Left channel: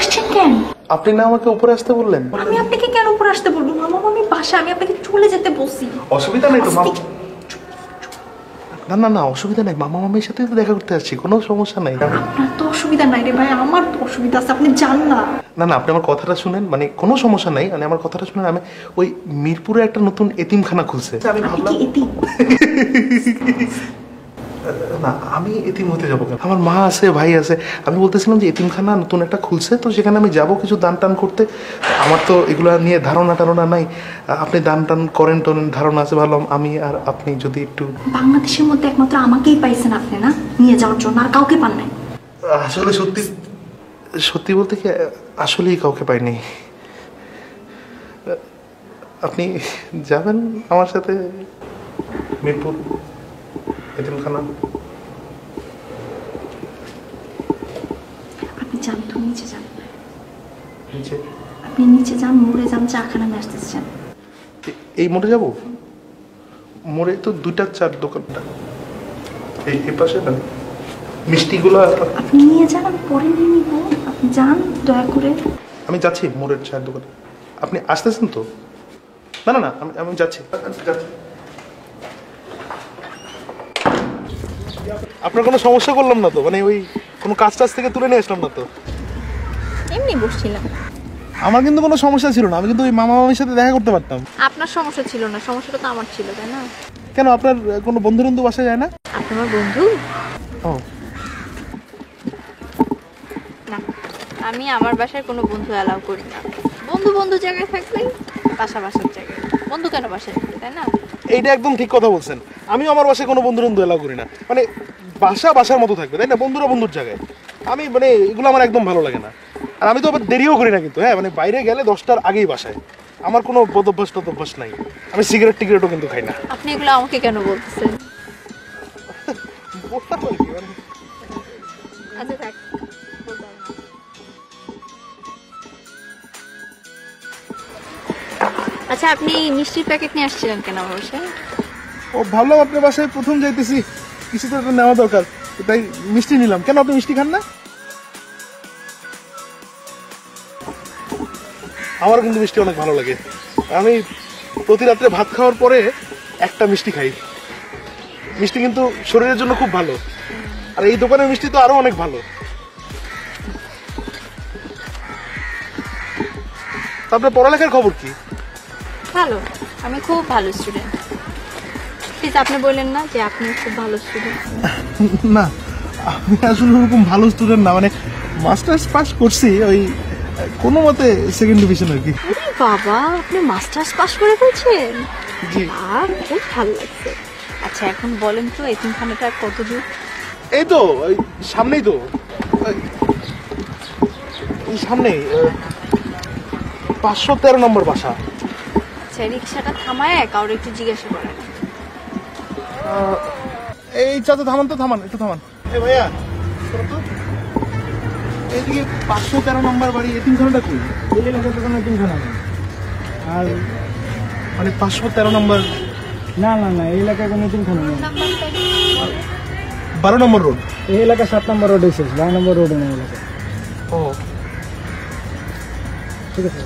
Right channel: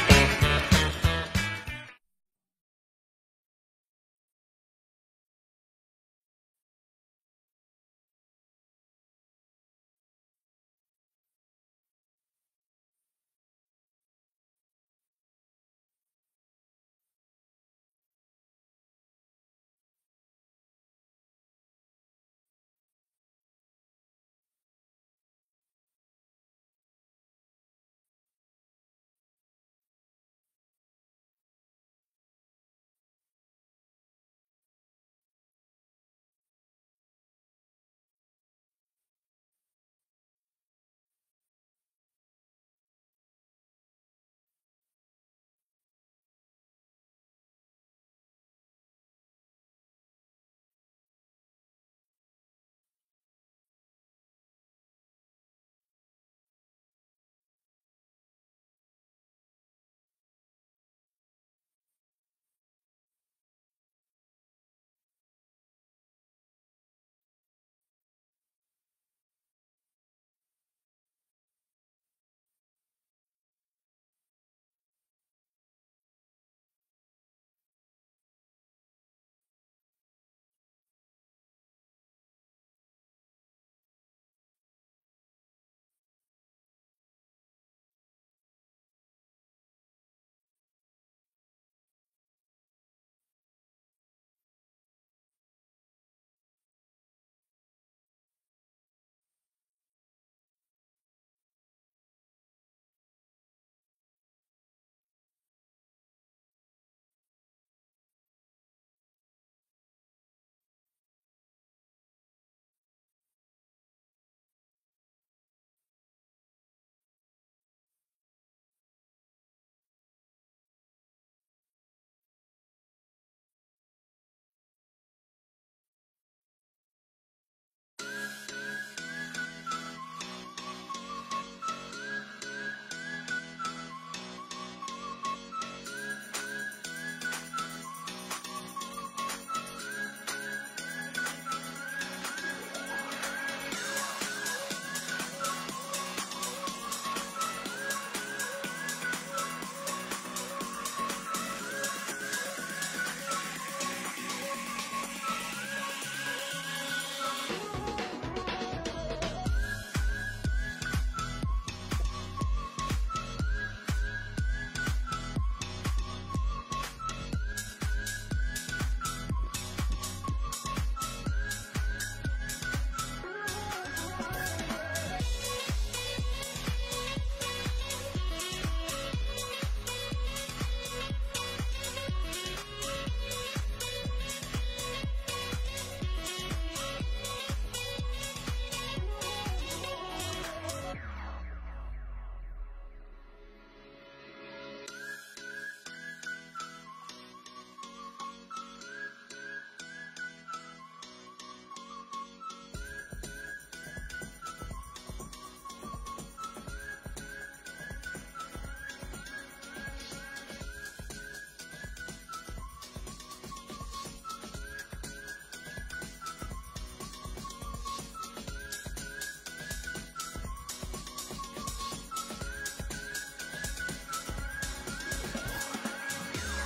আসছেন কেন? আপনি না আমাকে উপরে আসতে বললেন। আমি আপনাকে কেন উপরে আসতে বলবো? মামা মামি বাসা, আমি আপনাকে চলে যেতে বলছি। অসুবিধা নেই তো মামা। না না না অসুবিধা নেই, মামা মামির সাথে তো দেখা করতে আসছি, কোনো সমস্যা নাই। আপনার তো অসুবিধা নাই রে ভাই, আমার তো অসুবিধা আছে, আপনি যান না। না না আপনি আমার কথাটা শুনেন, মানে কোনো সমস্যা নাই, মানে আমার কথাটা শুনেন। আমি ওই মিরপুরে একটা নতুন এতিমখানা খুলছে, আমি ভাবলাম না আমি এতিম হতে যাবো কেন, আমার মা আছে ভাই আছে। আমি বলতেছিলাম যে এতিমখানা নতুন একটা খুলছে, তো সেখানে আমি যাব কিছু দান টান করতে। আমার তো এগুলো নিয়ে ধারণা টারণা নাই, আপনি দান টান করেন টোরেন ধারণা আছে, ভাবলাম আমি আর আপনি যদি একটু। বাংলাদেশের মধ্যে একমাত্র আমাকেই পাইছেন আপনি না নিয়ে যাওয়ার জন্য, আর কাউকে পান নাই। আসলে সত্যি সত্যি বলতে কি আসলেই কাউকে পাইনি। আপনি যাবেন আমার সাথে মিরপুর এতিমখানা? আপনি যান তো, নিচে যান। নিচে? আপনি নিচে যান, মোড়ে যান, চা খানা নিয়ে আসতেছেন। এই মোড়ে যাব? মোড়ে তো দুইটা চার দোকানটা, এই পাশে না মিষ্টিগুলো। আপনি নিয়ে যান, আমি পরে নিয়ে নিব, আপনি যান দয়া করে। আমি যাচ্ছি মোড়ের চায়ের দোকানে, আপনি আসতেছেন তো? না না না আমি আমি যাচ্ছি যাচ্ছি। আপনার কোনো সমস্যা করলাম না তো, মানে ওই কোনো কাজ টাজ থেকে তুলে নিয়ে আসলাম না তো? এমনি বসছিলাম। আমার কিন্তু কোনো সমস্যা ছিল না, আমি কিন্তু ওই মামা মামির সাথে দেখা করতে পারতাম। আপনার সমস্যা ছিল না, সমস্যাটা তো আমার ছিল, তাই না? কেন আপনার কোনো বন্ধু বন্ধু বাসায় যায় না? আপনি আমার বন্ধু ও না, আমি আমার বাসায় কোনো বন্ধু অ্যালাউ করি না। বন্ধু বন্ধু জায়গায় থাকবে, বাসা বাসার জায়গায়। বন্ধু কেন বাসায় থাকবে, তাই না? এইটা একদম ঠিক কথা বলছেন। আমি আমার বাসায় কোনো বন্ধু বন্ধু এলাও করি না, মানে বাসা বাসার মতো থাকবে, তাই না? বন্ধুরা বন্ধুর জায়গায়। আমি মানে এগুলো আমার একদম ভালো লাগে না। আর আমি তো আবার দেরিও করি না কিন্তু, হ্যাঁ মানে বাইরে গেলে 10টার আগেই বাসায়। আমার কোনো বদভ্যাস টদভ্যাস নাই। আমি সিগারেট টিগারেটও কিন্তু খাই না। আপনি এগুলো আমাকে কেন বলতেছেন? আচ্ছা থাক। আচ্ছা আপনি মিষ্টির প্যাকেট নিয়ে আসছিলেন কেন আমার বাসায়? ও ভাবলাম আপনার বাসায় প্রথম যাইতেছি, কিছু তো একটা নেওয়া দরকার, তাই মিষ্টি নিলাম। কেন আপনি মিষ্টি খান না? আমার কিন্তু মিষ্টি অনেক ভালো লাগে। আমি প্রতি রাত্রে ভাত খাওয়ার পরে একটা মিষ্টি খাই। মিষ্টি কিন্তু শরীরের জন্য খুব ভালো, আর এই দোকানের মিষ্টি তো আরো অনেক ভালো। আপনার পড়ালেখার খবর কি? ভালো, আমি খুব ভালো স্টুডেন্ট। প্লিজ আপনি বললেন না যে আপনি খুব ভালো স্টুডেন্ট। না আমি আসলে ওরকম ভালো স্টুডেন্ট না, মানে মাস্টার্স পাস করছি ওই কোনো মতে সেকেন্ড ডিভিশন আর কি। বাবা, আপনি মাস্টার্স পাস করে ফেলছেন? জি। আর খুব ভালো লাগছে। আচ্ছা এখন বলেন তো এতিমখানাটা কত দূর? এই তো ওই সামনেই তো, এই সামনেই 513 নম্বর বাসা। আচ্ছা রিক্সাটা থামায় কাউরে একটু জিজ্ঞাসা করেন। এই চাচা থামান তো, থামান একটু থামান। এই ভাইয়া শোনো তো, এইদিকে 513 নম্বর বাড়ি এতিমখানাটা কই? এই এলাকার তো কোনো এতিমখানা নেই। আর মানে 513 নম্বর? না না না, এই এলাকায় কোনো এতিমখানা নেই। 12 নম্বর রোড। এই এলাকা 7 নম্বর রোডে শেষ, 12 নম্বর রোডে নেই এলাকা। ও ঠিক আছে।